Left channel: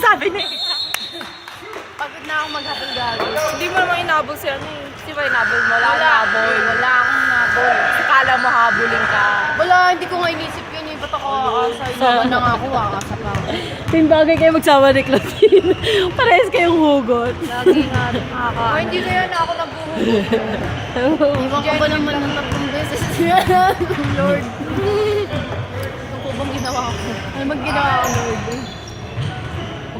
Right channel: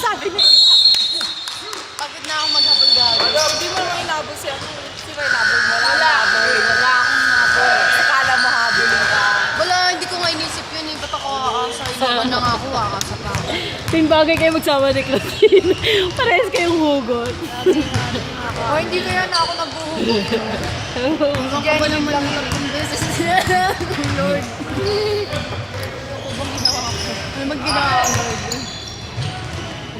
Sabi niya. Pagod na akong maghapon gago. Hindi mo naman inabol siya. Di ba inabol mo? Wala akong nabol. Akala mo habulin ka. Wala, hindi ko nga inisip yun eh. Ba't ako aasa? Inuwan na nga ako, aasa pa. Ting bagay kayo magsama ni Claudine. Parehas kayong hugot. O, hindi kaya na ako nagbuhugot. Diyan ko lang lang ng beses. Lord. Kubong ginawa ko. Ano mag-ginawa ko, Lord?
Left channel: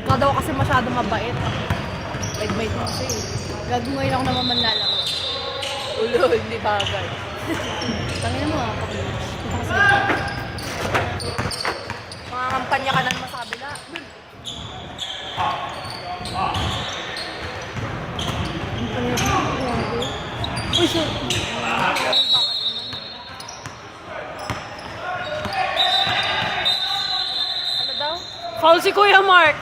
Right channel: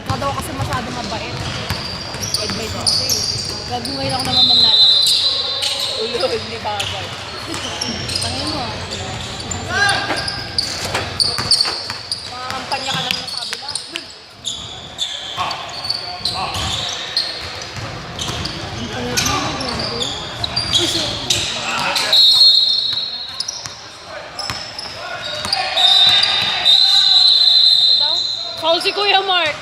Ikaw daw kasi masyadong mabait. Advice mo ko eh. Gago ngayon ako naman manlalaro. Ulo, hindi bagay. Tangin mo. Mga kampanya ka nang nasabi na. Foul si Kuya Mark.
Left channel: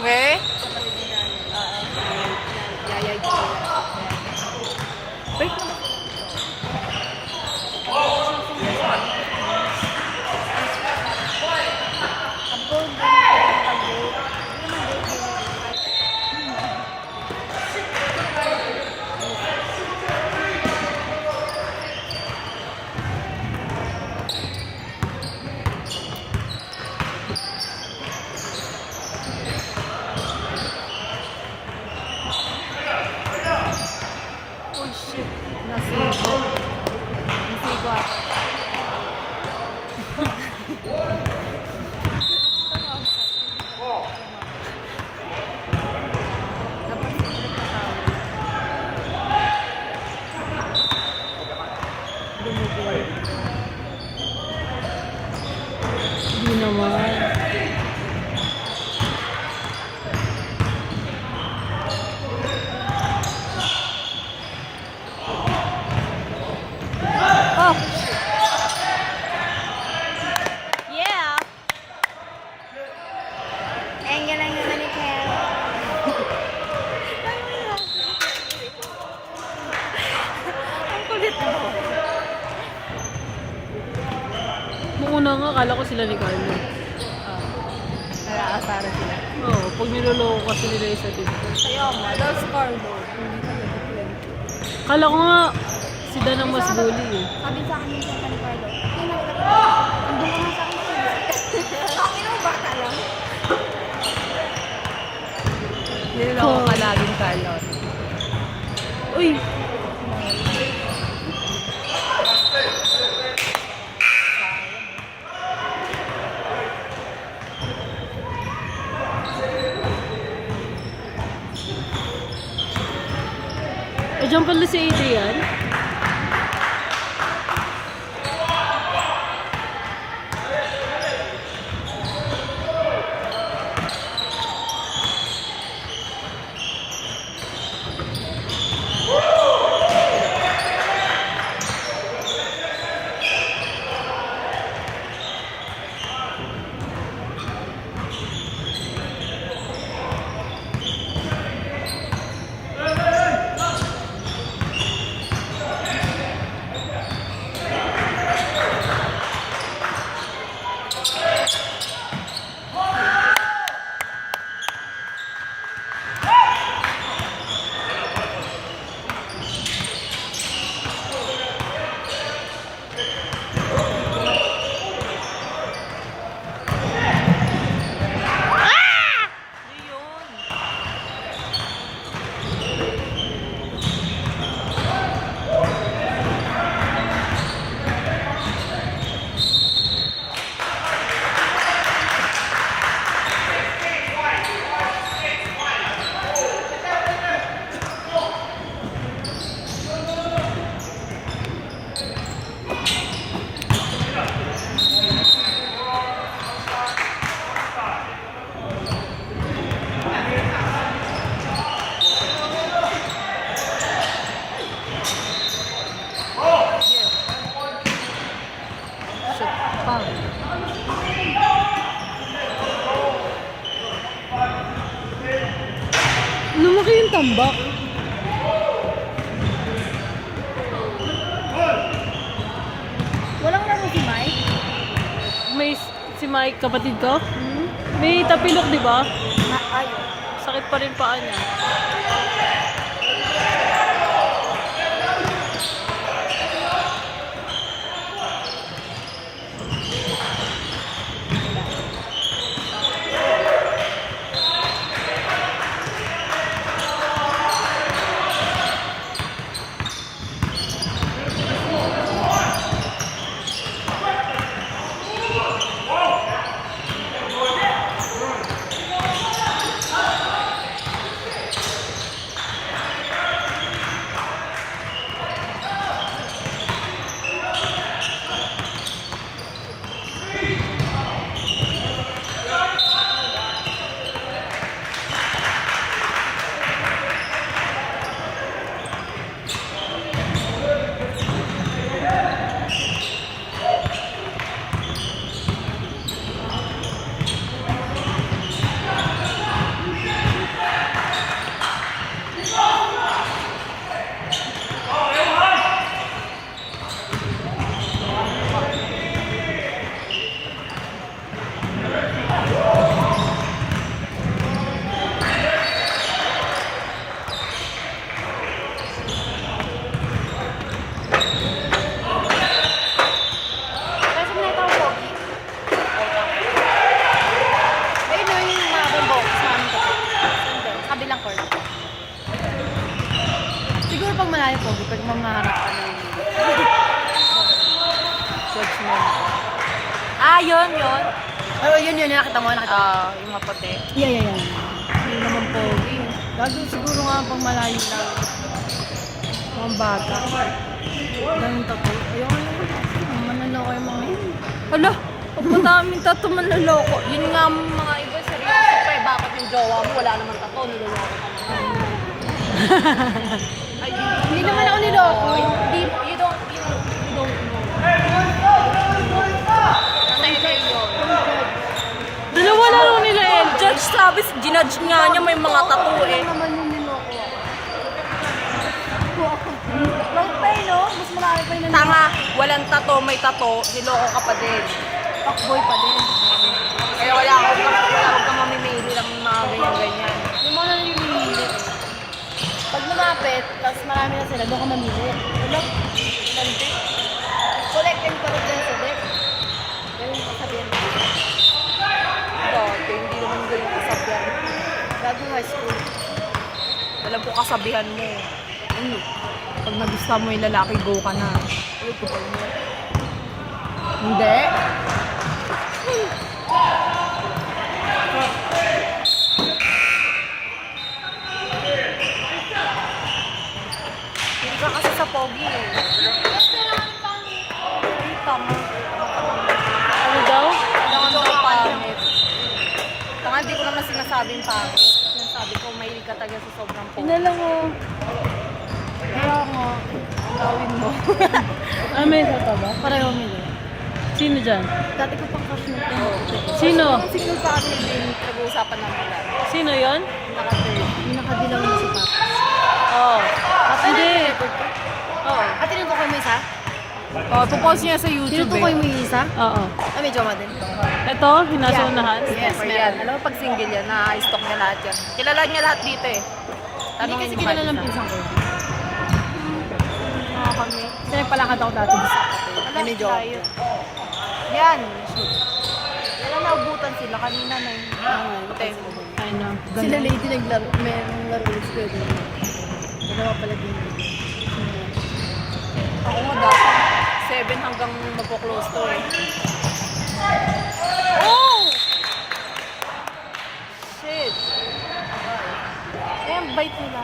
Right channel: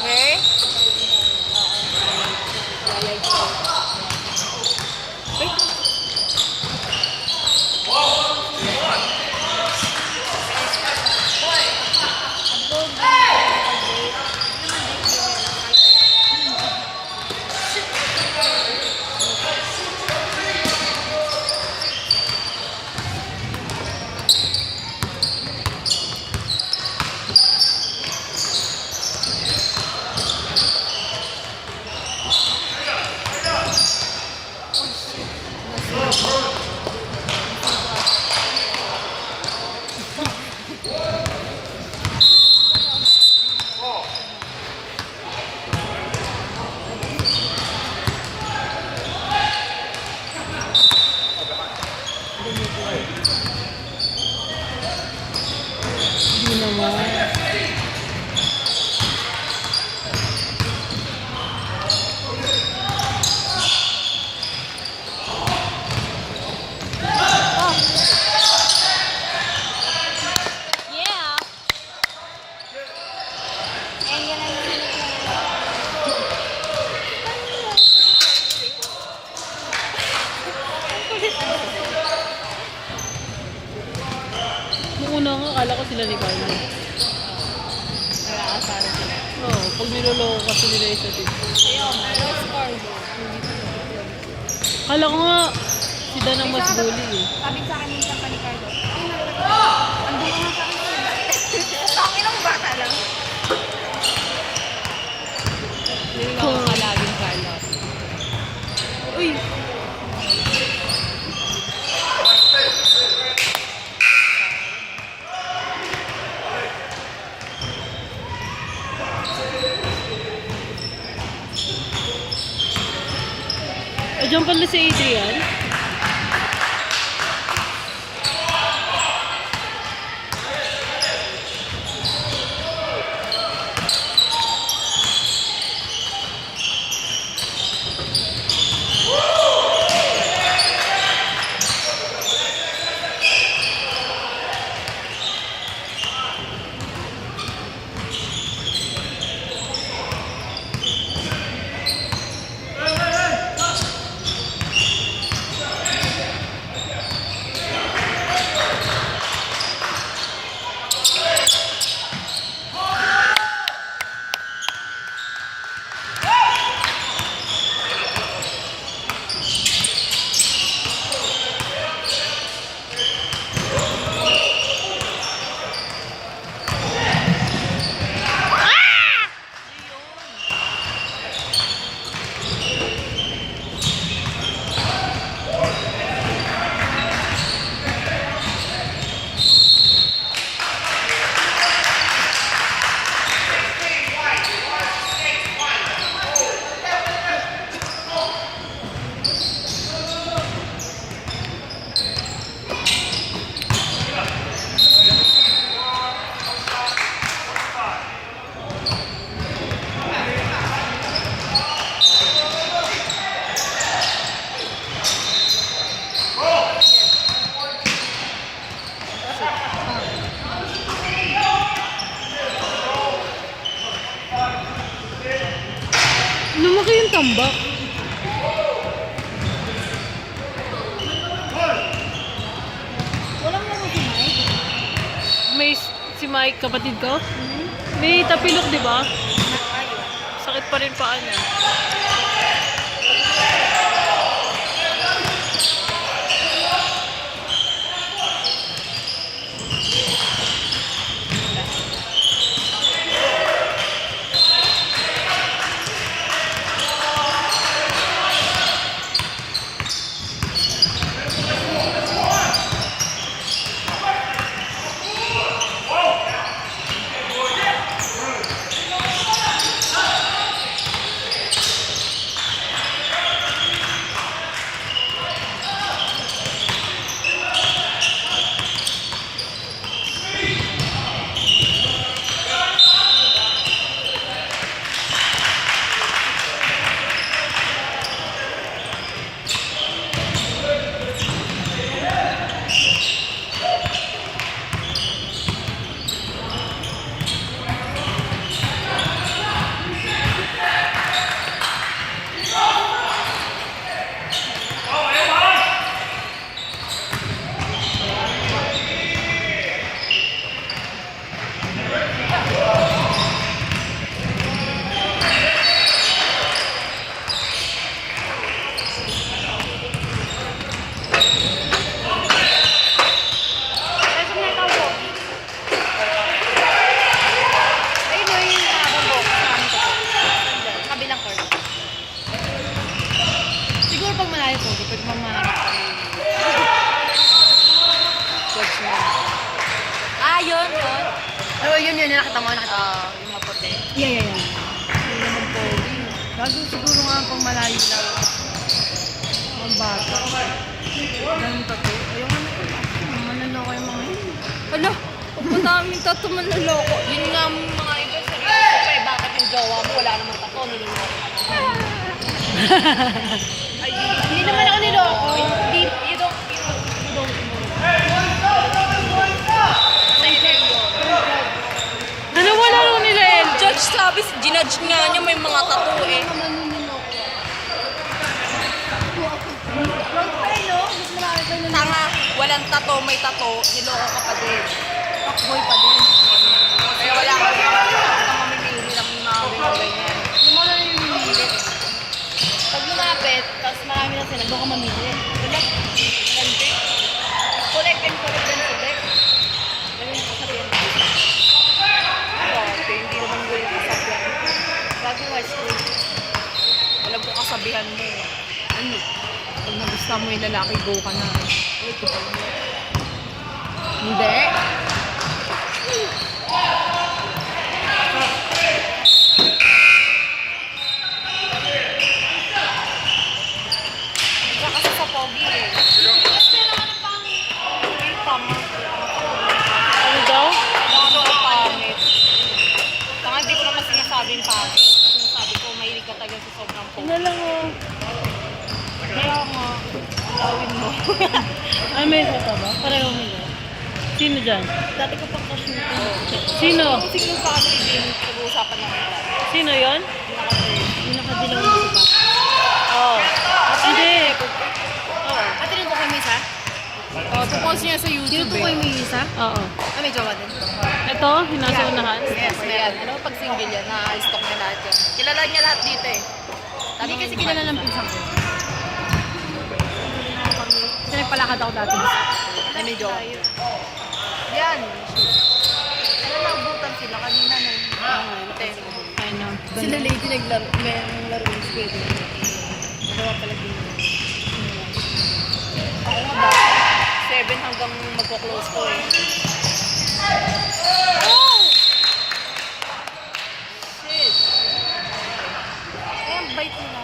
Okay? Hindi naman. Yeah! Ang galang naman ito. Nung una nga, akala ko sila ni Carlo. Kaya asaran sila. Oo, pag niloloko kasi nila isa dito. Kaya mo, lost Carlo. Akala ko nga, si Dan ang mas bully eh. Sabi sa akin yung kapal tayo. Hindi ko nga sa akin Ang bata lang. Niloloko ka laging Carlo. Uy! Diyan pala si Adrian. tambak. Walang laro si Mike. May si Mike, kapatid ko. May tapilok, di ba? Sakit pa rin paa niya. Siguro pag malayo po, pag mamaharap. Yun. Oh, yun, nakita mo. Yung maputi. Yeah. Hindi naman po. Bago siguro nga po malayo na. Ang bata. Ganun pa po. Ayun, manaloko yung mga yun. Ano? Madaming tato manaloko. Yun nga mga iba, seryoso pa eh. Bakit yung jowa mo wala namang tato, niloloko ka naman. Ay, Hindi naman ako niloko. you don't know. Nasa yun. Dalawa laro nila El. Judge sabi, ginudge nga niya may mga tattoo eh. Naman yung niloko. Ay, no? Mas marami kayo na Tama, walang tattoo, may tattoo, niloko ka pa din. boy pa din. Kaya wala ka mamimili ng mga ganyan. Yung mga namimili. Pag lumapit, tapos marami na sila, doon ka mamili. Wala, hindi. Collect and collect yan sa deck. Ganun yung kasabihan ko. Dati, hindi naman ganun yung kasabihan. Bago high school, walang ko kasabihan mo. Pag nagustuhan mo yung lalaki, go ka na. Hindi. Hindi ka kasi sa pogi eh. Ay, tama. Ano daw? Ano daw pangit? Tanga, di ko naman sinasabing pangit. Sinasabi ko, mahilig ka talaga sa sobrang pogi. Ano lang oh. Kaya nga, gawin mo. Ah, may isa pa ba? Pareho nila. Sino dyan? Dati ko pang kasutin. Sino? Yung single family din, nag-uusapan namin lang. Sino yon? Naka-third. Yung nakadilaw na sila. Oh. Hindi. Oo. Ate rin ko kayo may isa? Oh, pupost niya sa YouTube Tinutukoy mo yung isa? Oo. Ay, may jowa din. Ito, hinasunahan. Yes, yan. Alam mo pag single yan, na-stock niya lahat yan. Kilala niya lahat dito eh. Hindi kasi kilala ng pinsan ko. Kasi nagpalakad ako dati. Na may jowa. Yan. Kaya naubutan sila. Kanina may Ay na. Sila lady naglaro yung school. Nagawa pala din. Ako nga dapat. 7 hanggang magpo-close ko eh. Oh! Shit. Ayan, bite nila.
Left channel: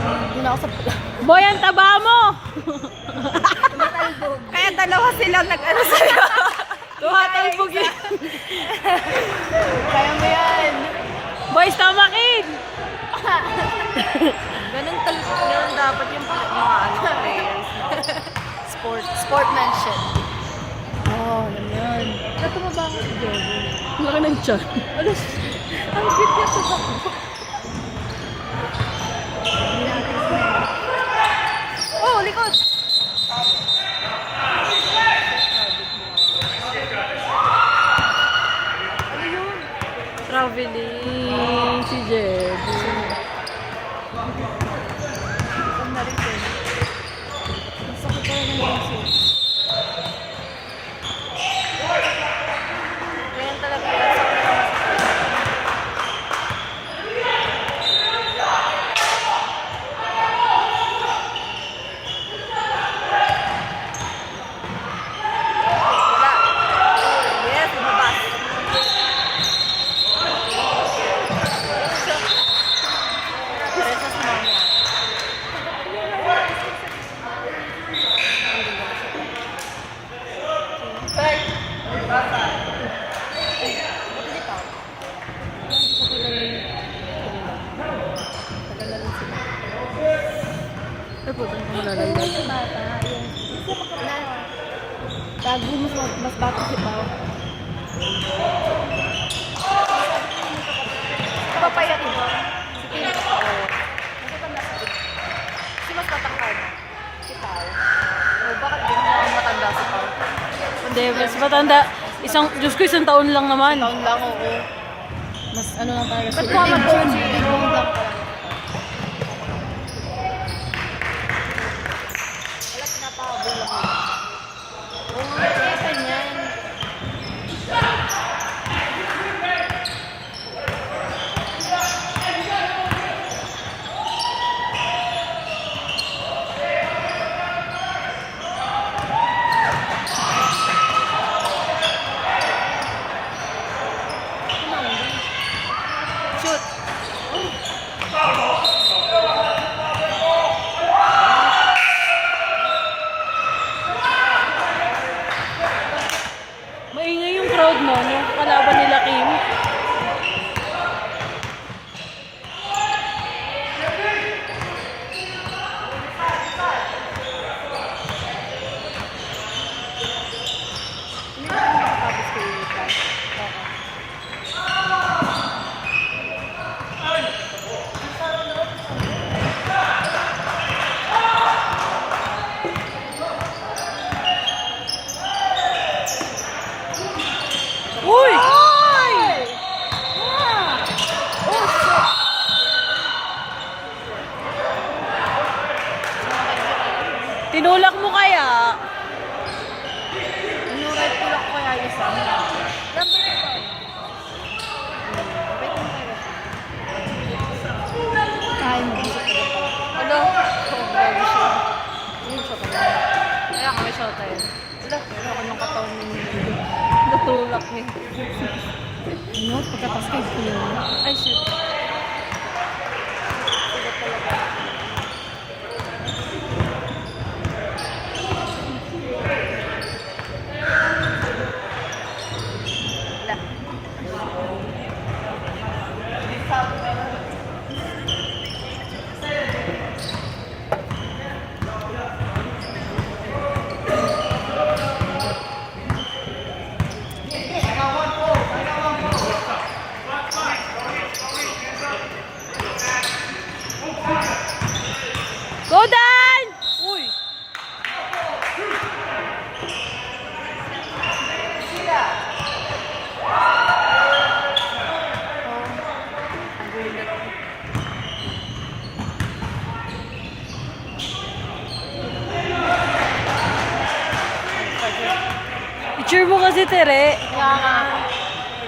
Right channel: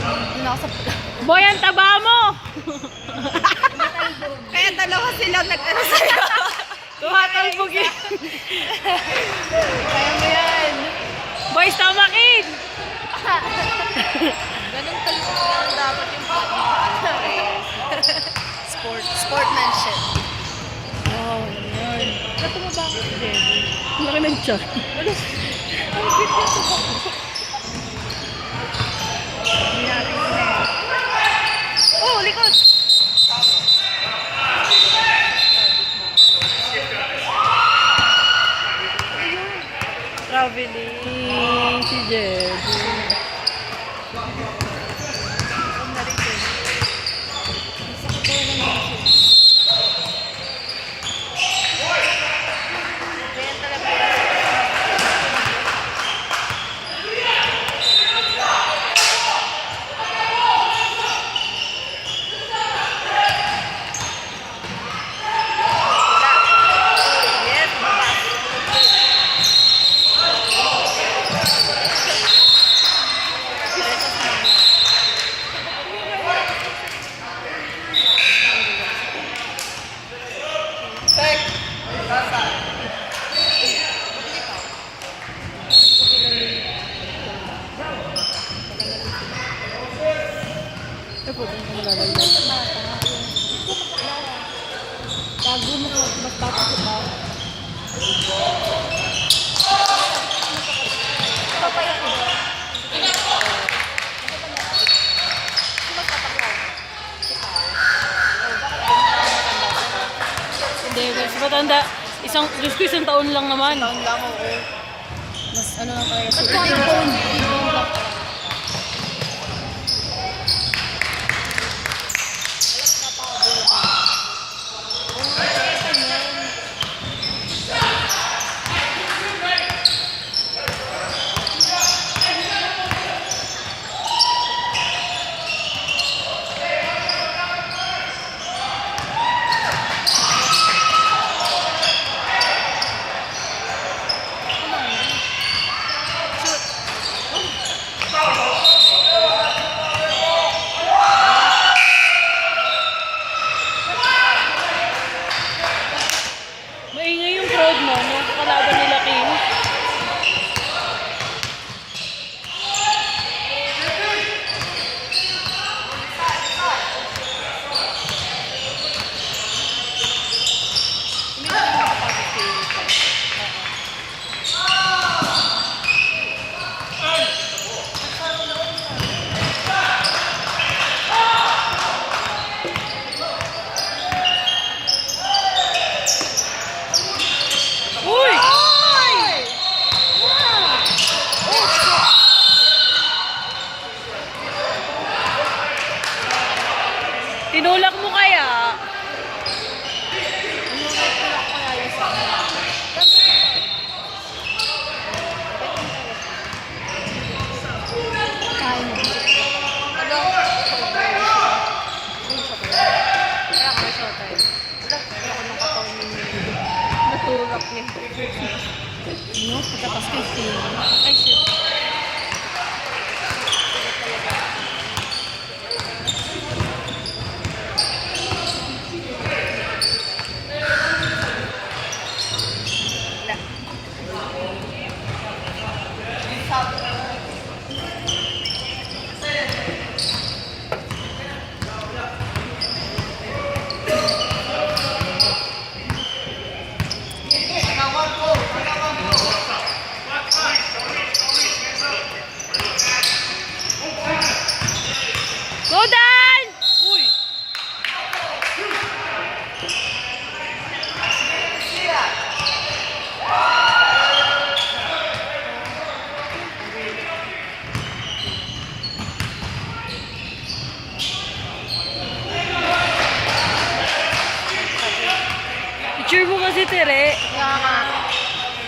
Hindi na ako sa Boy, ang taba mo! Kaya dalawa silang nag-ano sa'yo. Tumatalbog yun. Kaya mo yan. Boy, tamakin! Ganun dapat yung mga players. Sportmanship. Oo, yan. Ano tumaba ako si Jerry? Laki ng tiyan. Ang cute niya tumaba. likod! Traveling si Jebu. Ang naritin. Masakit talaga ng shoes. Ganyan talaga yung sakit sa mata. Wala. Yes, lumabas. Diretso sa mama. Ay po, saan ka malalaylag? Tago mo ko, mas bata si Pa. Papaya ito. Sino tatakbo? Si Pao. Oh, bakit ganyan ang matanda si Pao? Hindi, mas matanda. Diyos ko, isang taon lang naman. Taon lang, oo. Mas ano lang tayo. Ba't nag-phone? Wala, pinapahabol lang. Oo, kaya ganyan. Maingay yung crowd mo, nung kalaban nila Kim. Hindi na nakakapit kayo ito. Uy! Tinulak mo kaya? Inulit ko kaya yung sa amin. Natulak niya. Ano? Pagkatas kay Kim. Ay, shit. Sigat talaga. Wala. Go Dan! Uy! Picture mo kasi, Tere.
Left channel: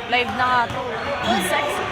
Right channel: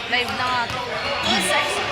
Live na nga to. Oh, sexy.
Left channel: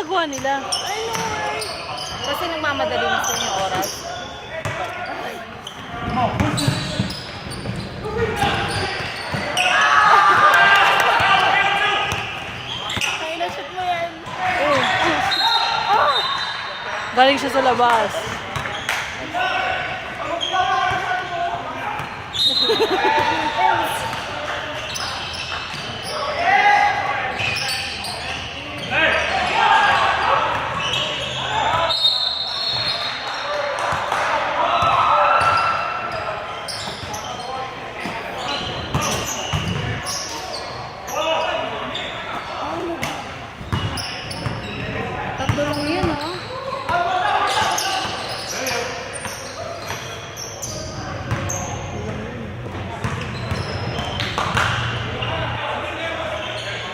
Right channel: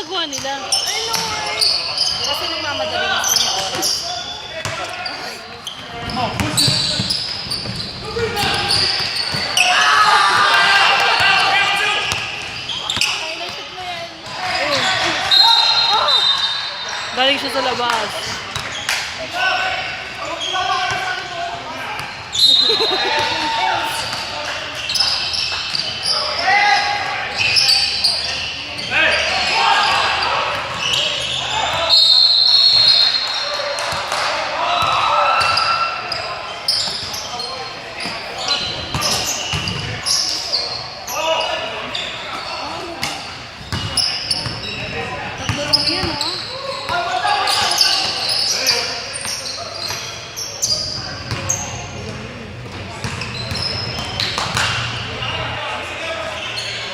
ginagawa nila? Kasi nagmamadali na sa yung oras. Galing siya sa labas. Tatlo lang yan, oh.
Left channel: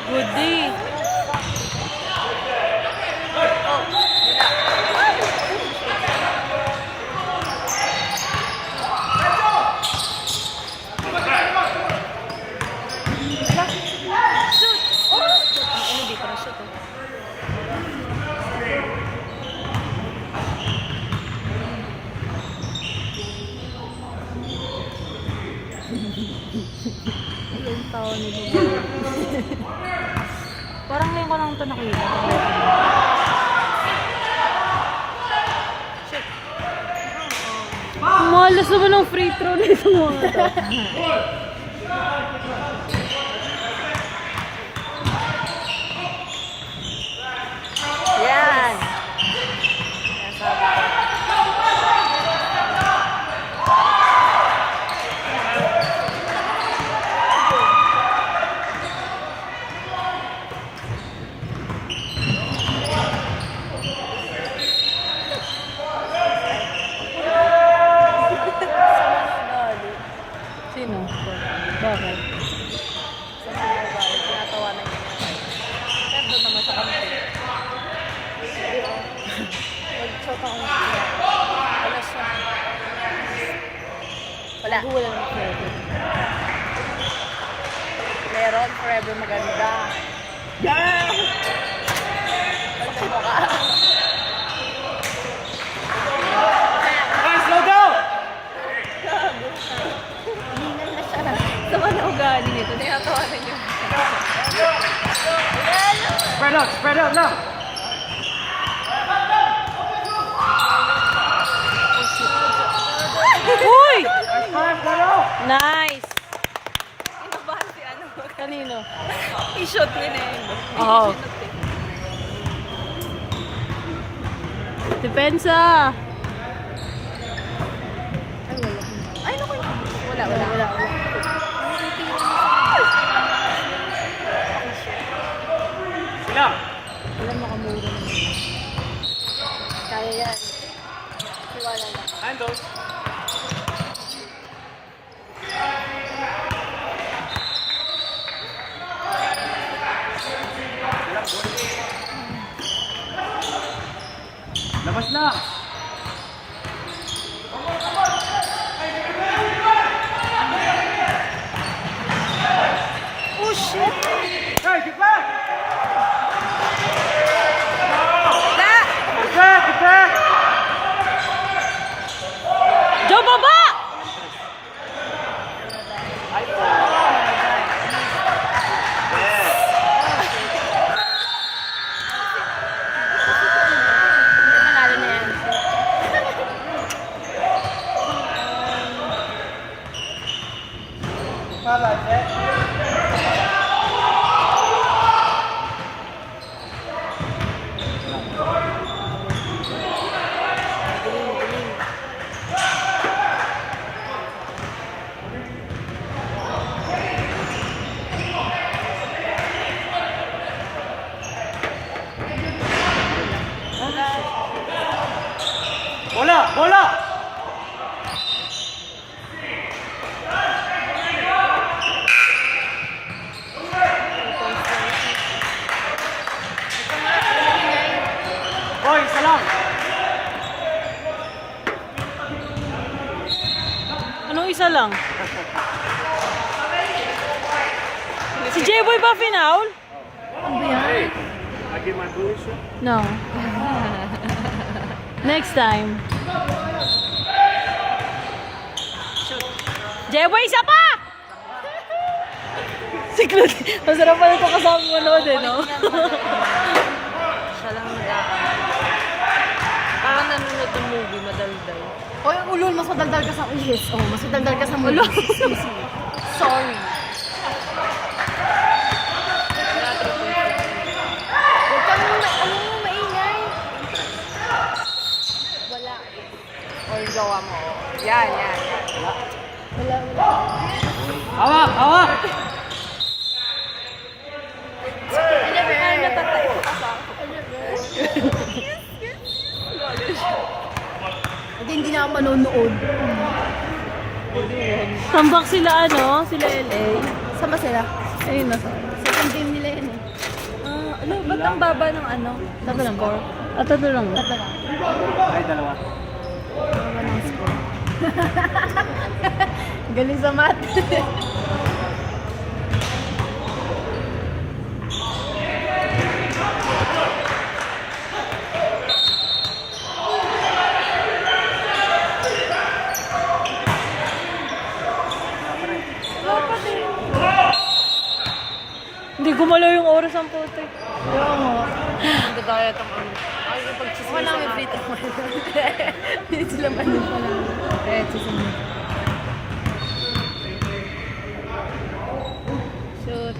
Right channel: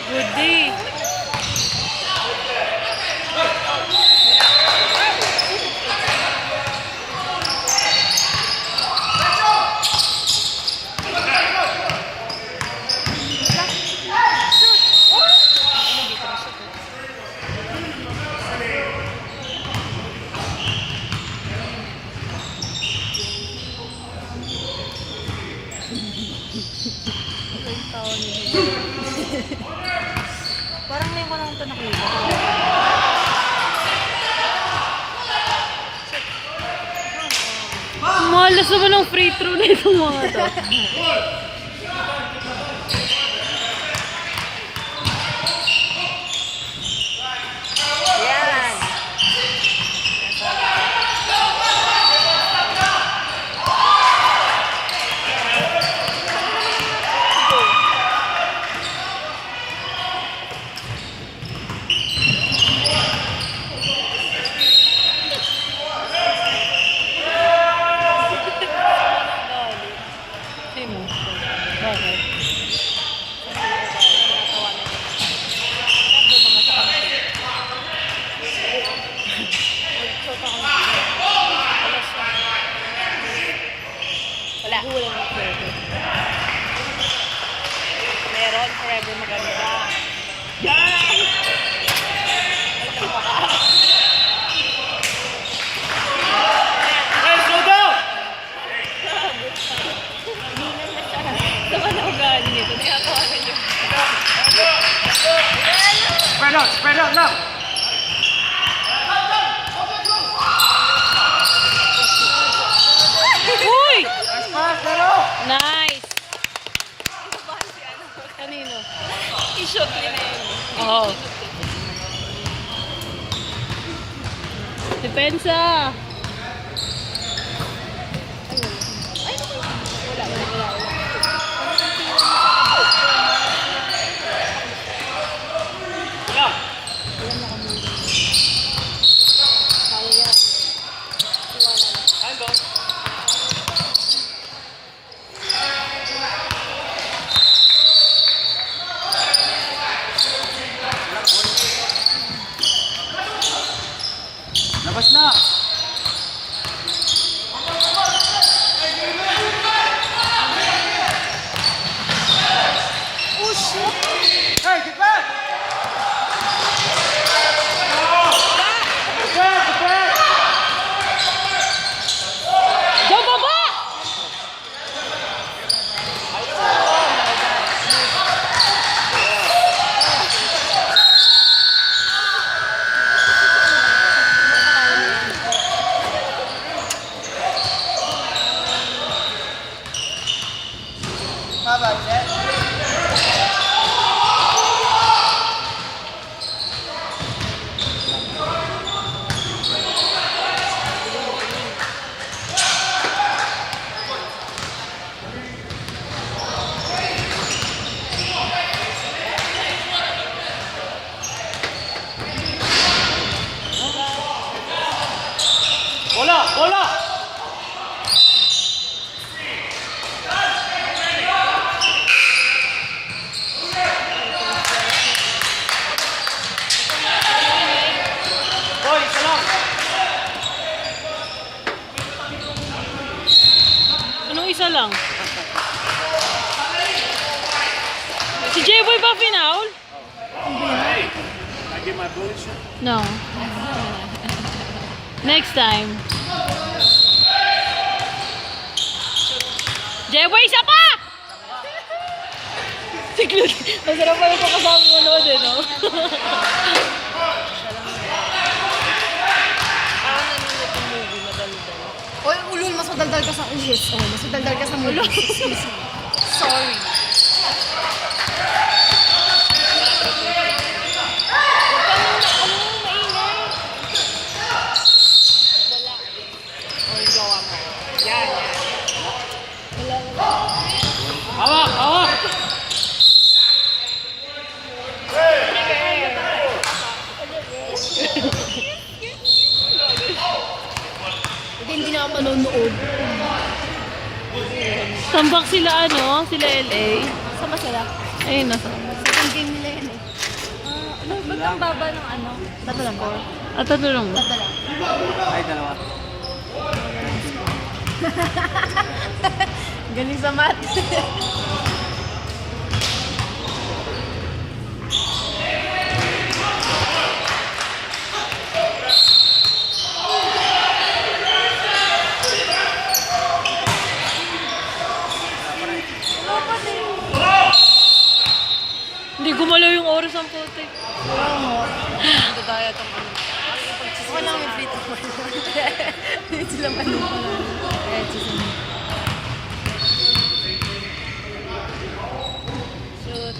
Good day. Parang ngayon ko lang ito nakita. Malas naman ang free throw na itong mga to. Yan! Sino? Bakit? Wala. Wala naman pwede. Meron, forever maganda. Yan! Ano mo ka? Saka na ugali nito. Nakakawanan niyo. Spread out now. Uy! Nice! Kanino? I-shoot nila yun. Oo. Depensa! Ay, naku. Wala. Wala makamura. Kaya yan. Labas na. Hey, get back! Get back! Joe, baba! Bola! Boy, isa lang. Anong isa lang? Si J-Boy ba finaul? Hey, I get my bullets. shoot? No. Next time. Jeboy, isa pa! Si Claude. Masarap pala ito kasama mo noon eh, no? Parang nanonood ng movie, madaldal. Oy, ulol, mas madaldal ka sa ulis. Oh, mas madaldal ka sa mulo. Sorry. O, yung gawa mo. Yan, yan. Hawak, hawak! Hindi na ako manonood. Tambak sila ano? Sila LA. Saan ba sila? Ayun, nasa. Second game nila yun eh. Ano, ba't ang baba ng ano? Tatlo lang ba? At ito lang ba? Tatlo lang. Ay, dalawa. Galing sa math. Hindi gumalaw yung oras ang puti. Dadayat ang ano. Ano yung free to Hindi sila manonood. Eh, susunod. Shoot.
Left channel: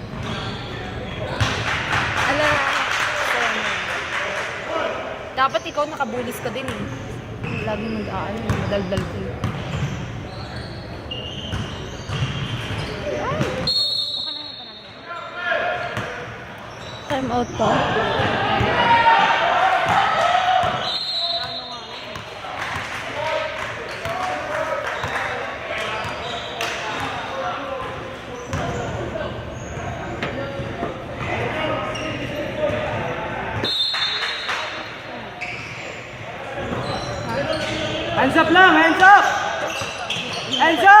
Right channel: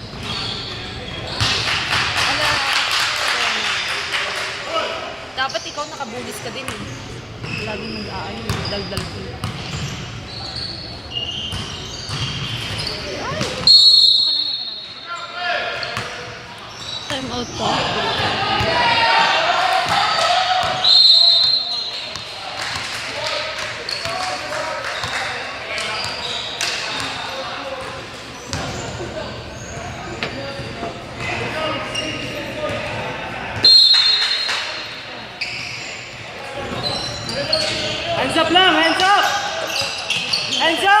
Ala. Dapat ikaw nakabulis ka din eh. Laging mag-aano, madaldal ko. Time out pa. Hands up lang, hands up! Hands up!